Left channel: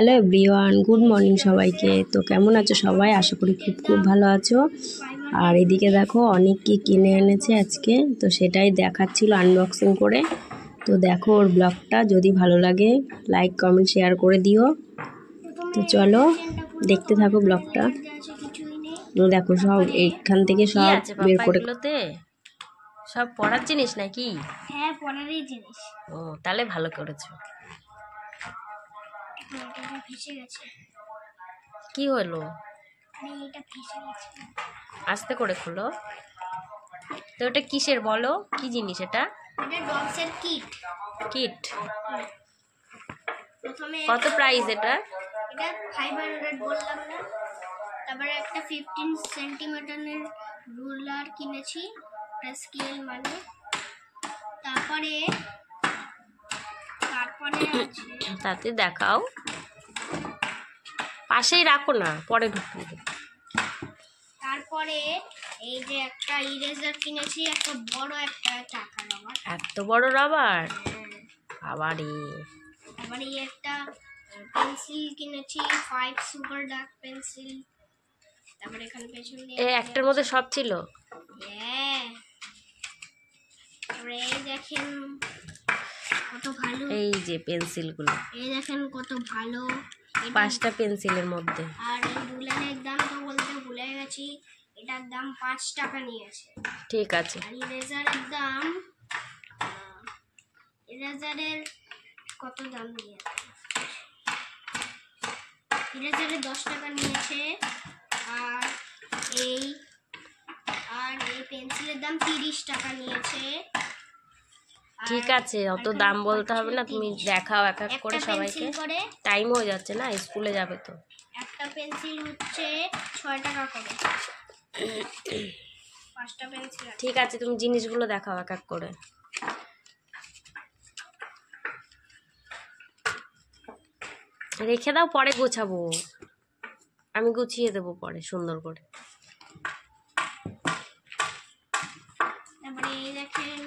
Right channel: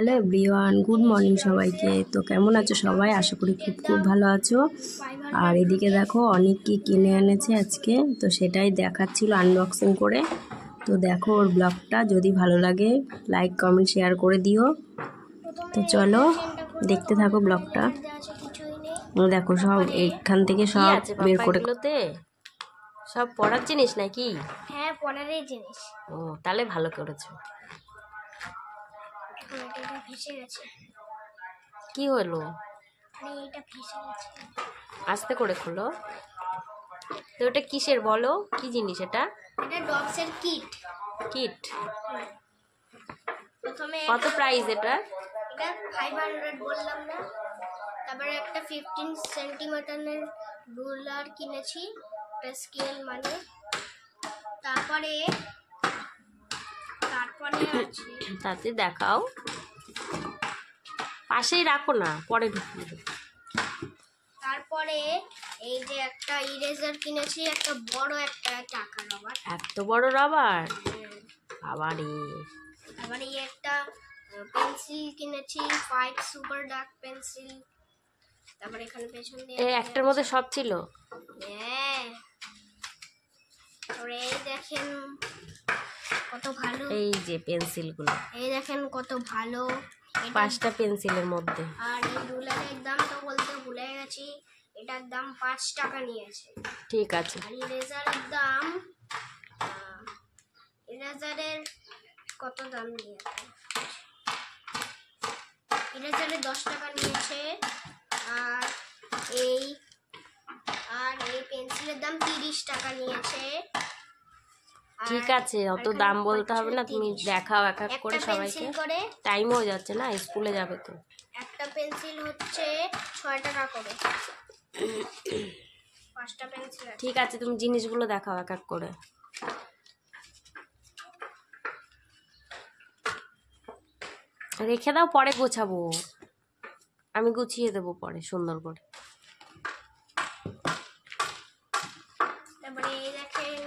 Hello everyone, good morning সবাইকে। তো কেমন আছো সবাই? আশা করি খুব খুব ভালো আছো। আর এদিকে দেখো অনেক কি কিনে এনেছে আজকে, তো সেটাই দেখাচ্ছিল আনবক্সিং করে। তো দেখো ওর ব্লগটা, যদি ভালো লাগে লাইক কমেন্ট শেয়ার করে দিও। তো চলো দেখতে থাকো ব্লগটা। দেখো সব এইখান থেকে সব বের করে, সব পড়ার জিনিস নাকি? হ্যাঁ, পড়ারই জিনিস। ও তাহলে ভালো করেছো। ভেসে গেছে। কি হলো? এটা ভেসে গেছে। আস্তে করে খোলো। তো এটা কিসের বলো, কি জিনিস এটা? এটা ডগসের কিট। কিট প্রথমে কত প্রাইস এটা? এটা 500 বললাম না। তারপরে একটা 15 সেন্টিমিটারের রুলার কিনেছি, একটা স্কেল মানে। তারপরে আছে, তাতে দেখাও, পাশেই রাখো না, পরে ঢুকিয়ে দেবো। তারপরে এই যে একটা ইরেজার কিনেছি, একটা বড় একটা টাকা রবার। এত বড় রাবার? আবারে আবার এই একটা পেন্সিল কিনেছি, 5 সুপার ডার্ক পেন্সিল। তারপরে এখানে পেছনে একটার মধ্যে সব ছিল। হ্যাঁ, তারপরে এই দেখেন কত ভালো, এই যে পেন্সিলগুলো, এই দেখেন কত ভালো। 5টা পেন্সিলের মধ্যে। আর এই রুলারের দাম তো বলতে ভুলে গেছি, এটার দাম 5 টাকা নিয়েছে। ঠিক আছে। আর ইরেজারের দাম, ইরেজারের কত দাম নিয়েছে? ইরেজারে 10 টাকা নিয়েছে। আর এই পেন্সিলের দাম 30 টাকা নিয়েছে। ঠিক আছে, অত দাম বলতে হবে না, তুমি দেখাও এক এক করে সবাইকে। টাইম হয়ে যাচ্ছে না, স্কুলে যাবে তো। একটা পেন্সিল হচ্ছে 6 টাকা করে, 5টা পেন্সিল। ঠিক আছে, তুমি জিনিসগুলো দেখাও এক এক করে। রেখে দাও, পরে গোছাবো, আমি গুছিয়ে দেবো পরে সুন্দর করে। তারপরে এই দেখেন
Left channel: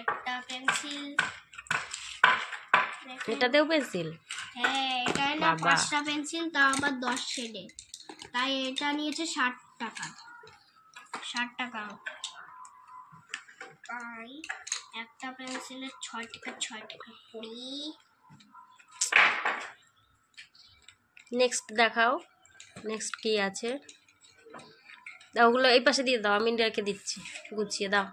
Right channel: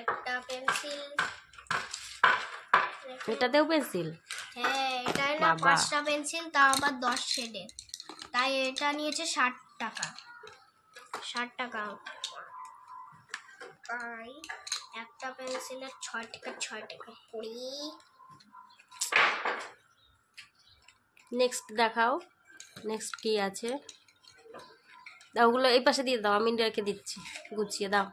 একটা পেন্সিল। এটাতেও পেন্সিল? হ্যাঁ, এটা না 5টা পেন্সিল, তাও আবার 10 শেডের। তাই এটা নিয়েছে 60 টাকা। 60 টাকা। তাই একটা পেন্সিলের 6 টাকা 6 টাকা পড়ি। নেক্সট দেখাও, নেক্সট কি আছে? দাও, ওগুলো এই পাশে দিয়ে দাও, আমি রেখে দিচ্ছি, গুছিয়ে দাও।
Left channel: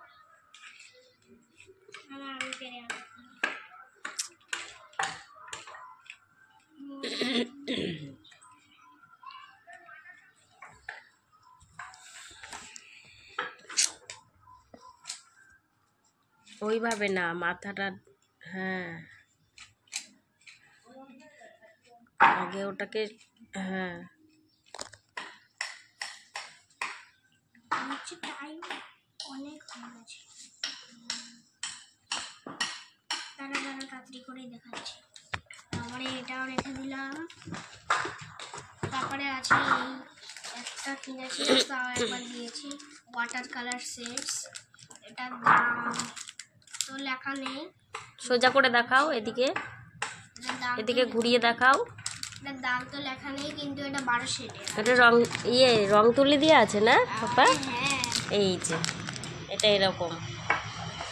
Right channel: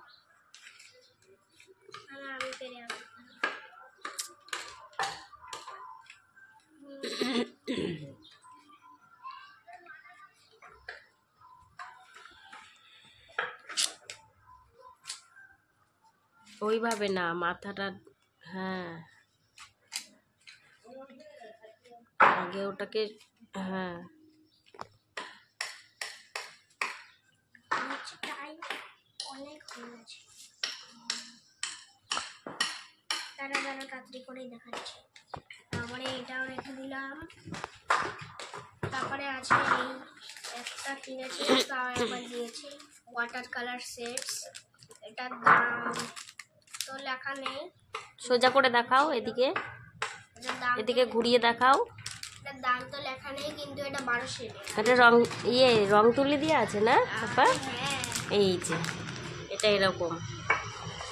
ওইভাবে না, মাথাটা, হ্যাঁ আগে ওটাকে, হ্যাঁ অনেক হয়ে গেছে। তাড়াতাড়ি করেই দেখাচ্ছি। তারপরে এটাও রেখে দিলাম। তারপরে আছে এই একটা কিনেছি, তাও একবার দিয়েছি, ওয়াটার কালার সেটস। এটার দাম তো লেখা নেই। সোজা করে দেখাও, এদিকে এদিকে ঘুরিয়ে দেখাও। এটার দাম তো লেখা নেই, কিন্তু এটা 12 শেডের। এটা রং তুলি দিয়ে আছে না পাপা? হ্যাঁ, এই যে এটা এরকম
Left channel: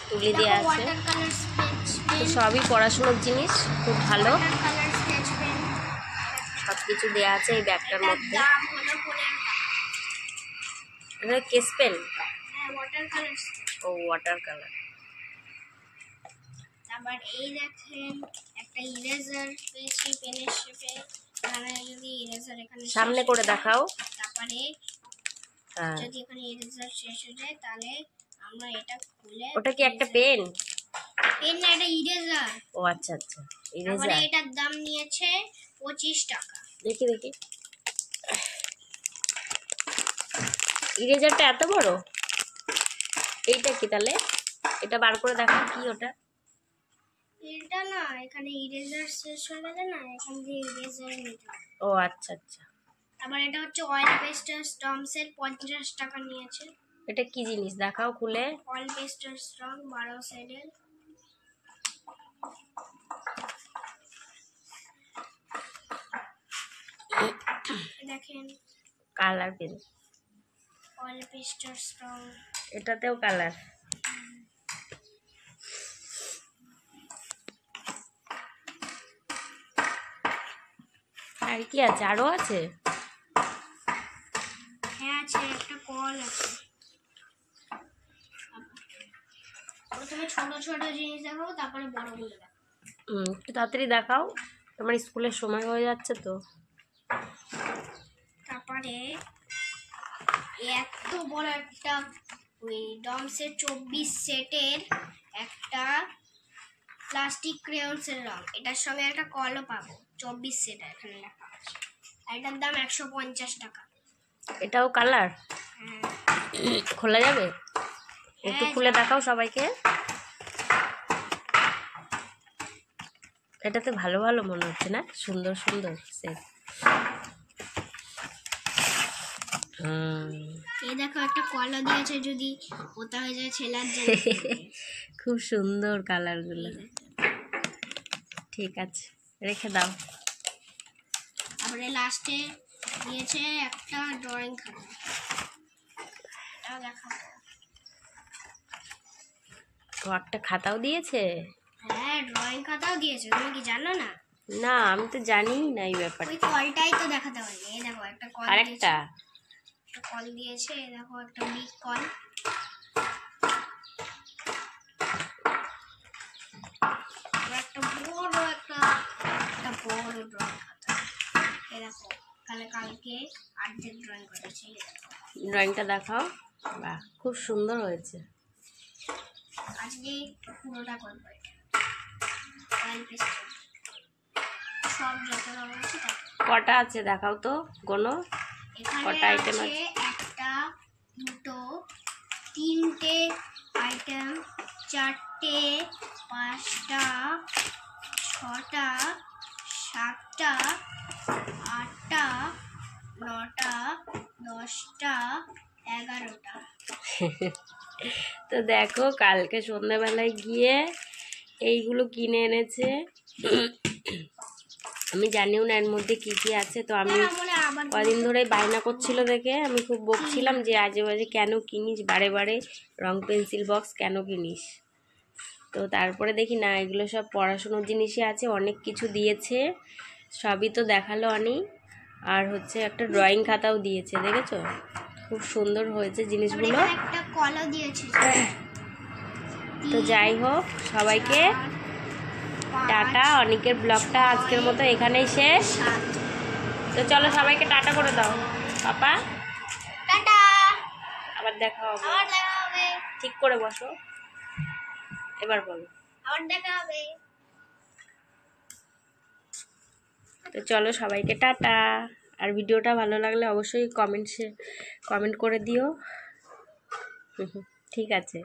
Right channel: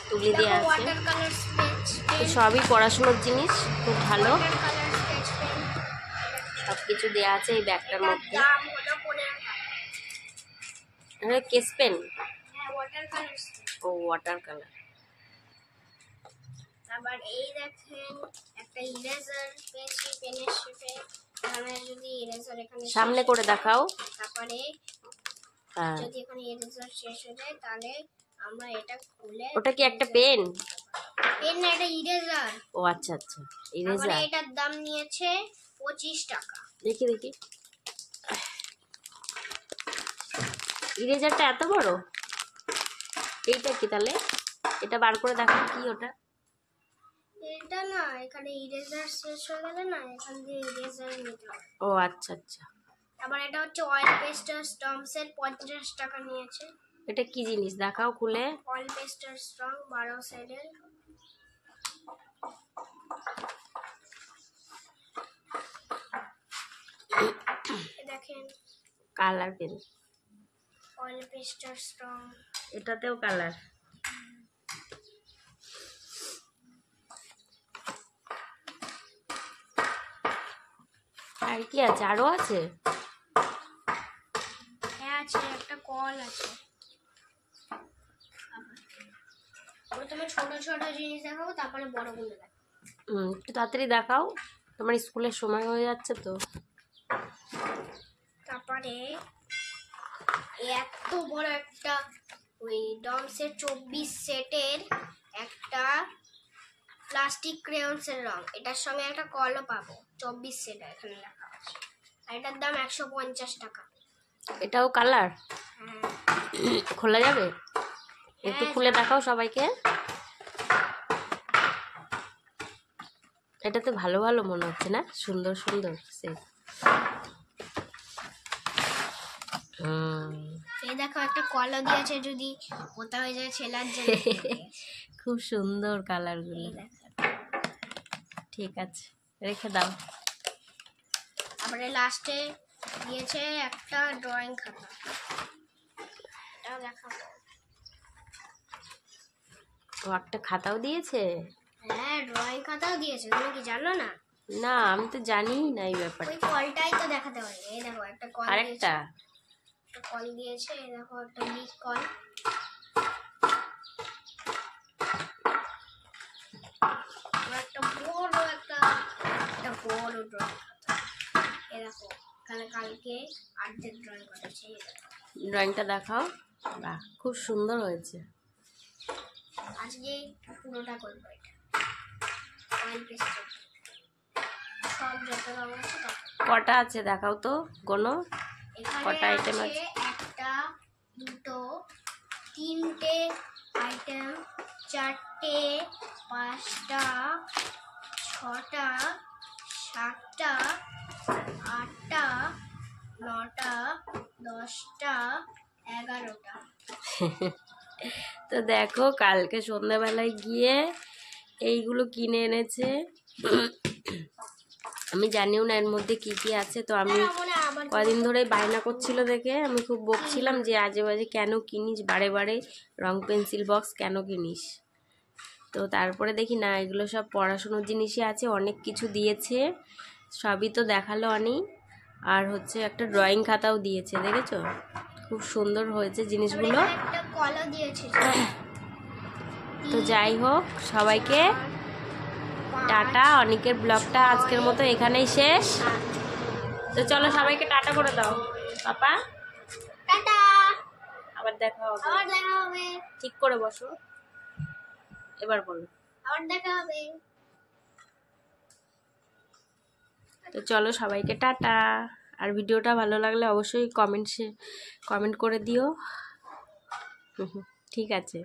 তুলি দিয়ে আছে। ওয়াটার কালার স্কেচ তো সবই পড়াশোনার জিনিস, খুব ভালো, ওয়াটার কালার স্কেচ পেন, সব কিছু দেওয়া আছে এই ব্যাগটার মধ্যে। দাম হলো 15 টাকা। এটা কেস পেন? হ্যাঁ, ওয়াটার কালার। ও ওয়াটার কালার। আবার এই দেখেন একটা ইরেজার পেয়েছি পেনের শেপে। মানে যদি ইরেজার এখানে সামনে করে দেখাও। তারপরে হ্যাঁ, যদি এখানে ইরেজার শেষ হয়ে যায়, তাহলে আমরা এটা খুলে, ওটা কি একটা পেন? পেন না, এটা ইরেজার। ও আচ্ছা আচ্ছা, ইরেজার। এটার দাম নিয়েছে 25 টাকা। দেখি দেখি, ইরেজারটা এত বড়? এইটা কি তাহলে? এটা বার করে দেখো, কি ওটা? এটা না, এখানে ইরেজার শেষ হয়ে গেলে না, এখান দিয়ে ইরেজার নিতে হবে। ও আচ্ছা আচ্ছা। আবার এটা হচ্ছে অয়েল পেস্টার স্টম্পসের, 50 টাকা নিয়েছে। এটা কি জিনিস দেখাও খুলে। অয়েল পেস্টার স্ট্রং 12 সাইডের। দেখেন কালার পেন, অয়েল পেস্টার স্ট্রং। এটাতেও কালার। আর কি আছে, আরো আছে? হ্যাঁ আছে, একটা কল আছে। প্রথমে ছোট ছোট জিনিস দেখাবো, তারপরে বড়গুলো দেখাবো। একটু তাড়াতাড়ি দেখাও, তোমার স্কুলের সময় হয়ে যাচ্ছে তো। তারপরে এত বড় একটা ওই ডমসের 24 সেটের একটা প্লাস্টিক ক্রেয়ন্সের রং, এটার সঙ্গে একটা কলও পাবো। 24 সেট এখানে লেখা আছে, আর এটার দাম 150 টাকা। এটাও কালার? হ্যাঁ। খোলা যাবে? একটু খুলে দেখাও সবাইকে। এটাতে ভালো ভালো মনে হচ্ছে না, সুন্দর সুন্দর সেট। এই দেখো একটা কলও দিয়েছে, যদি ওটা হয়ে যায় ছেলার জন্য। খুব সুন্দর কালারগুলো। ঠিক আছে, রেখে দাও। তারপরে লাস্টে দিয়েছে একটা ড্রয়িং খাতা, এটাও দেখাবো। ও একটা খাতাও দিয়েছে? হ্যাঁ, ড্রয়িং খাতাও দিয়েছে, তুমি কি জানো না? না, আমি তো জানিই না এই ওই ব্যাপারটা। কলটাই তো দেখাতে পারি। এই দেখো একটা কল দিয়েছে, আরেকটা একটা কল দিয়েছে। এই দেখো একটা বিগ কল। একটা বড় একটা বড় ড্রয়িং খাতা। এই দেখো কালকে অর্ধেক ড্রয়িং করেছি। ড্রয়িংটা দেখাও। বাহ, খুব সুন্দর হয়েছে। আজকে পুরোটা করবো এটা। অয়েল পেস্টার সব যত রং আছে তত। কটা আছে দেখাও তো, কোনো এখানে কটা আইটেম আছে আছে? একটা, দুটো, তিনটে আইটেম, চারটে, পাঁচটা, ছটা, সাতটা, আটটা, নটা, 10টা, 11টা। তো দেখো, কালকে সন্ধ্যাবেলায় গিয়ে এইগুলো কিনে এনেছে। আমি জানিও না এর মধ্যে কি কি আছে। তো আমি কদিন ধরে বায়না করছিল দেখে আমি খুব বকছিলাম যে আজে বাজে কেন কিনিস, বারে বারে রং পেন্সিল বক্স কেন কিনিস। তো তারপরে দেখি না, এগুলো সব পড়াশুনোর জিনিসই আছে, অনেক কিছু দিয়েছে। সবই তো দেখালো অনি। আর হচ্ছে একটা ড্রয়িং খাতাও দিয়েছে, দেখেছো? খুব সুন্দর হয়েছে জিনিসগুলো। একটা কলও দিয়েছে। তো যাই হোক, সবাইকে টাটা। অনেকের ব্লগটা আজকের মতো এখানেই শেষ। তো চলো সবাইকে টাটা করে দাও পাপা। টাটা, আবার দেখা হবে। আবার দেখা হবে। ঠিক করে বসো, এবার বলো। আবার দেখা হবে। তো চলো সবাইকে টাটা। আর ভিডিওটা ভালো লাগলে অবশ্যই কমেন্ট করে দিও। ঠিক আছে।